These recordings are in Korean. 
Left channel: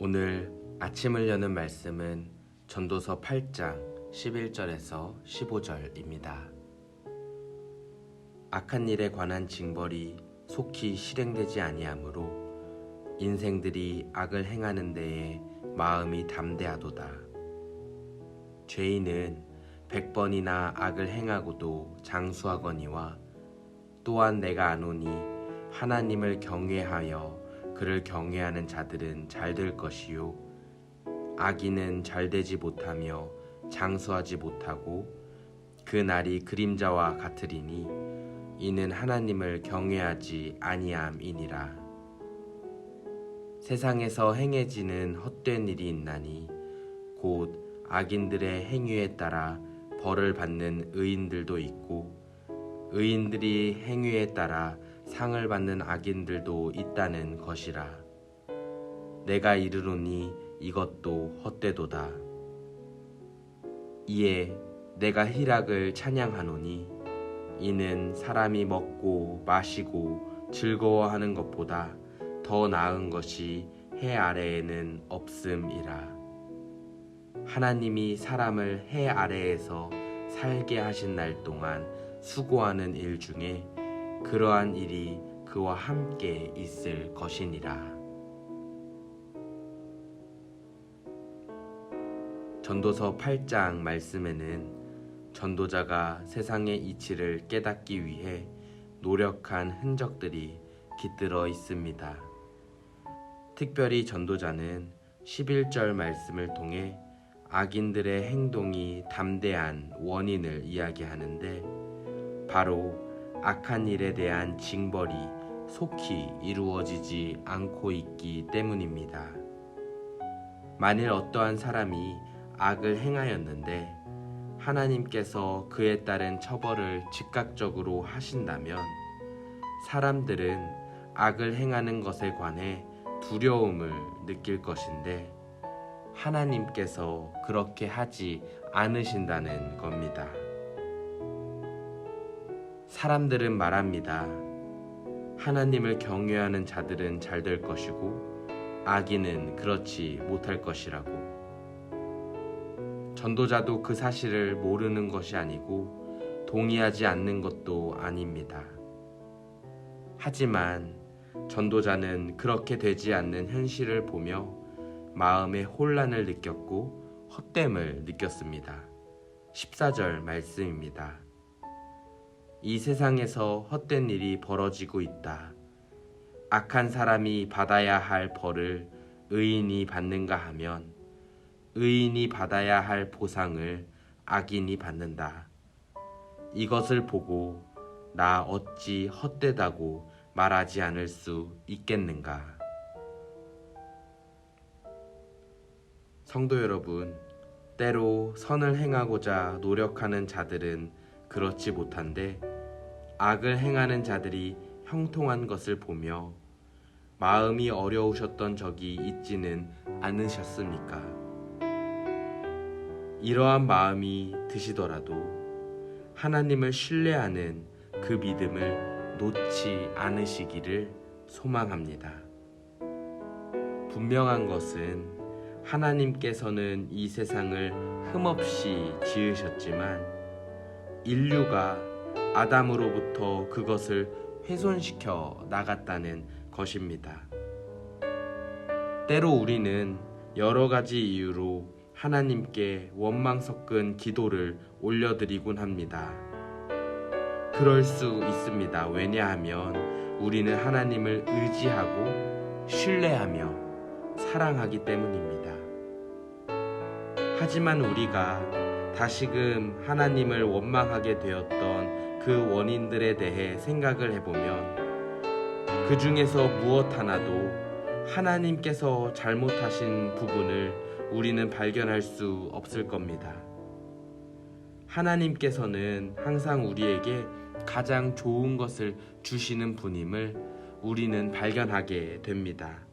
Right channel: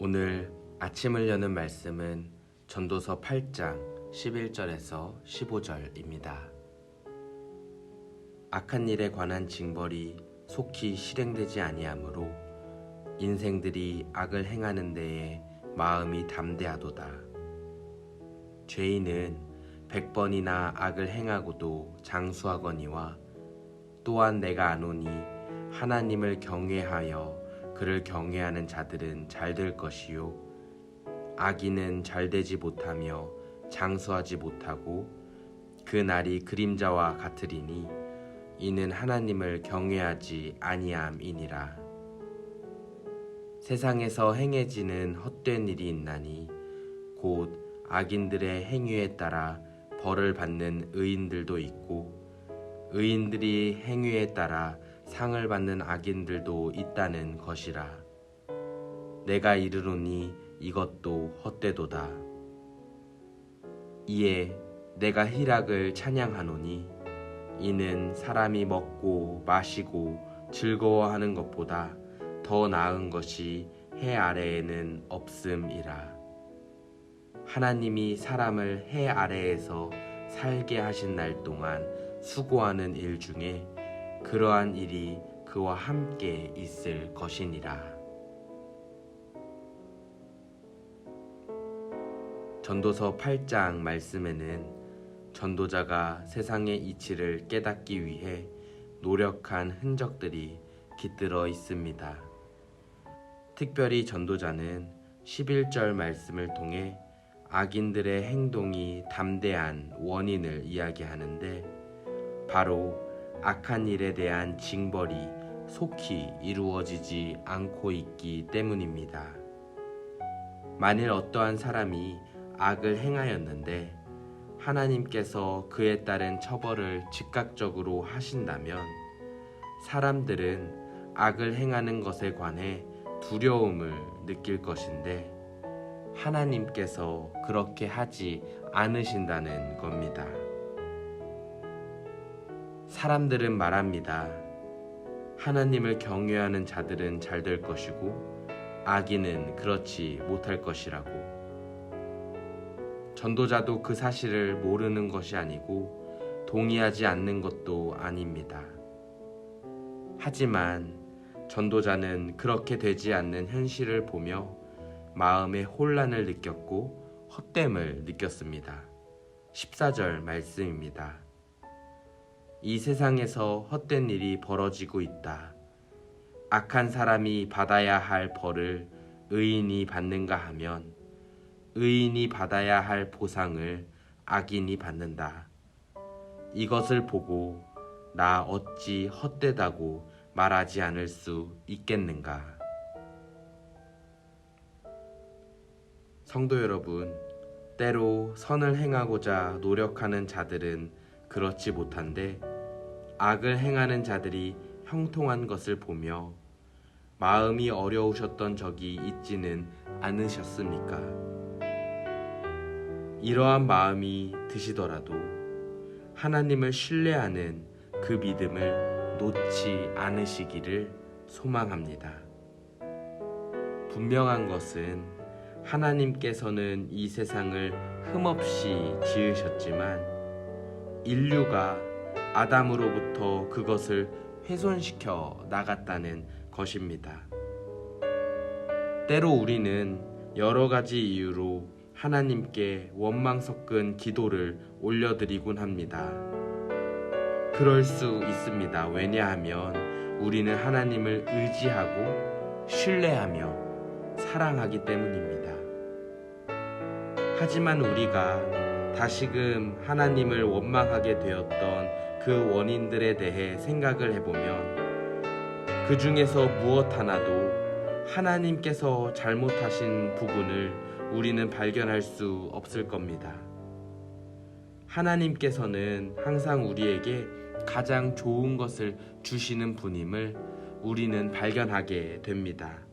오늘 아침을 여는 말씀은 전도서 8장 11절에서 15절입니다. 악한 일에 관한 징벌이 속히 실행되지 아니하므로 인생들이 악을 행하는 데에 마음이 담대하도다. 죄인은 100번이나 악을 행하고도 장수하거니와 또한 내가 아노니 하나님을 경외하여 그를 경외하는 자들은 잘 될 것이요 악인은 잘 되지 못하며 장수하지 못하고 그 날이 그림자와 같으리니 이는 하나님을 경외하지 아니함이니라. 세상에서 행해지는 헛된 일이 있나니 곧 악인들의 행위에 따라 벌을 받는 의인들도 있고 의인들이 행위에 따라 상을 받는 악인들도 있다는 것이라. 내가 이르노니 이것도 헛되도다. 이에 내가 희락을 찬양하노니 이는 사람이 먹고 마시고 즐거워하는 것보다 더 나은 것이 해 아래에는 없음이라. 하나님이 사람을 해 아래에서 살게 하신 날 동안 수고하는 일 중에 그러한 일이 그와 함께 있을 것이니라. 전도서 8장 말씀에는 전도자가 세상의 이치를 깨닫기 위해 노력한 흔적들이 깃들어 있습니다. 특별히 전도자는 11절 말씀을 통해 악인들의 행동이 담대한 원인을 이야기하는데 바로 악한 일에 대한 징벌이 속히 이루어지지 않고 있기 때문입니다. 만일 어떠한 사람이 악을 행하였는데 하나님께서 그에 따른 처벌을 즉각적으로 하신다면 사람들은 악을 행하는 것에 관해 두려움을 느낄 것인데 하나님께서 그렇게 하지 않으신다는 겁니다. 사람들은 말합니다. 하나님을 경외하는 자들은 잘 될 것이고 악인은 그렇지 못할 것이라고. 전도자도 그 사실을 모르는 것이 아니고 동의하지 않는 것도 아닙니다. 하지만 전도자는 그렇게 되지 않는 현실을 보며 마음의 혼란을 느꼈고 헛됨을 느꼈습니다. 14절 말씀입니다. 이 세상에서 헛된 일이 벌어지고 있다. 악한 사람이 받아야 할 벌을 의인이 받는가 하면 의인이 받아야 할 보상을 악인이 받는다. 이것을 보고 나 어찌 헛되다고 말하지 않을 수 있겠는가. 성도 여러분, 때로 선을 행하고자 노력하는 자들은 그렇지 못한데 악을 행하는 자들이 형통한 것을 보며 마음이 어려우셨던 적이 있지는 않으셨습니까? 이러한 마음이 드시더라도 하나님을 신뢰하는 그 믿음을 놓지 않으시기를 소망합니다. 분명한 것은 하나님께서는 이 세상을 흠없이 지으셨지만 인류가 아담으로부터 그것을 훼손시켜 나갔다는 것입니다. 때로 우리는 여러 가지 이유로 하나님께 원망 섞은 기도를 올려드리곤 합니다. 그럴 수 있습니다. 왜냐하면 우리는 하나님을 의지하고 신뢰하며 사랑하기 때문입니다. 하지만 우리가 다시금 하나님을 원망하게 되었던 그 원인들에 대해 생각을 해보면 그 중에서 무엇 하나도 하나님께서 잘못하신 부분을 우리는 발견할 수 없을 겁니다. 하나님께서는 항상 우리에게 가장 좋은 것을 주시는 분임을 우리는 발견하게 됩니다.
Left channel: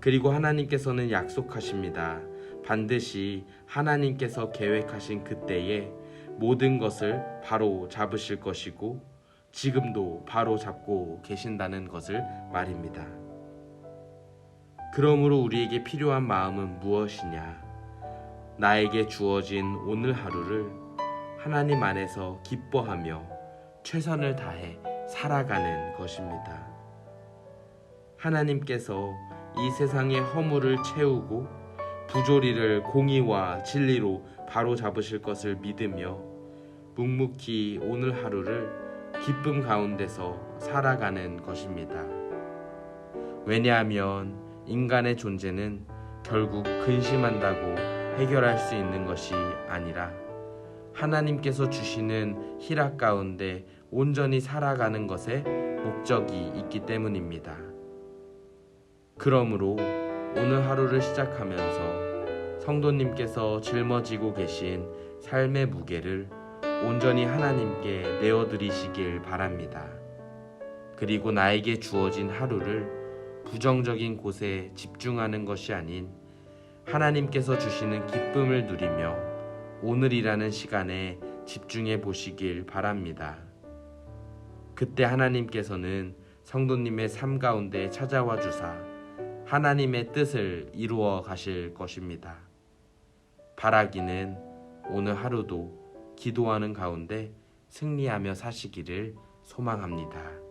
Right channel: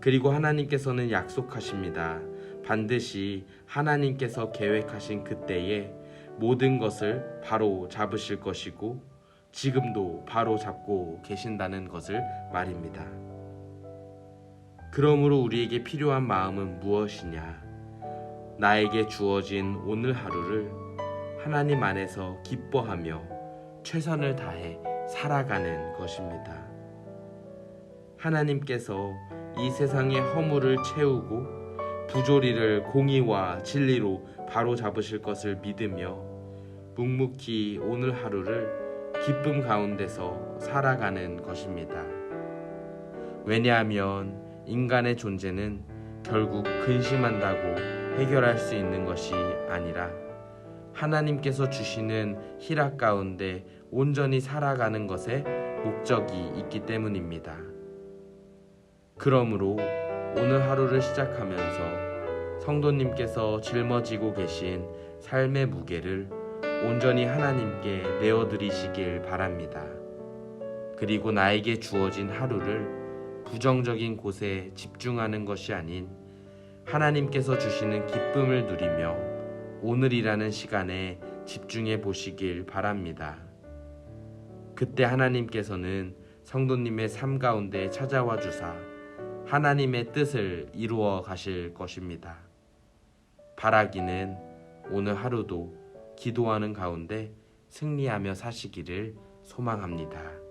그리고 하나님께서는 약속하십니다. 반드시 하나님께서 계획하신 그때에 모든 것을 바로 잡으실 것이고 지금도 바로 잡고 계신다는 것을 말입니다. 그러므로 우리에게 필요한 마음은 무엇이냐? 나에게 주어진 오늘 하루를 하나님 안에서 기뻐하며 최선을 다해 살아가는 것입니다. 하나님께서 이 세상의 허물을 채우고 부조리를 공의와 진리로 바로잡으실 것을 믿으며 묵묵히 오늘 하루를 기쁨 가운데서 살아가는 것입니다. 왜냐하면 인간의 존재는 결국 근심한다고 해결할 수 있는 것이 아니라 하나님께서 주시는 희락 가운데 온전히 살아가는 것에 목적이 있기 때문입니다. 그러므로 오늘 하루를 시작하면서 성도님께서 짊어지고 계신 삶의 무게를 온전히 하나님께 내어드리시길 바랍니다. 그리고 나에게 주어진 하루를 부정적인 곳에 집중하는 것이 아닌 하나님께서 주시는 기쁨을 누리며 오늘이라는 시간에 집중해 보시길 바랍니다. 그때 하나님께서는 성도님의 삶 가운데 찾아와 주사 하나님의 뜻을 이루어 가실 것입니다. 바라기는 오늘 하루도 기도하는 가운데 승리하며 사시기를 소망합니다.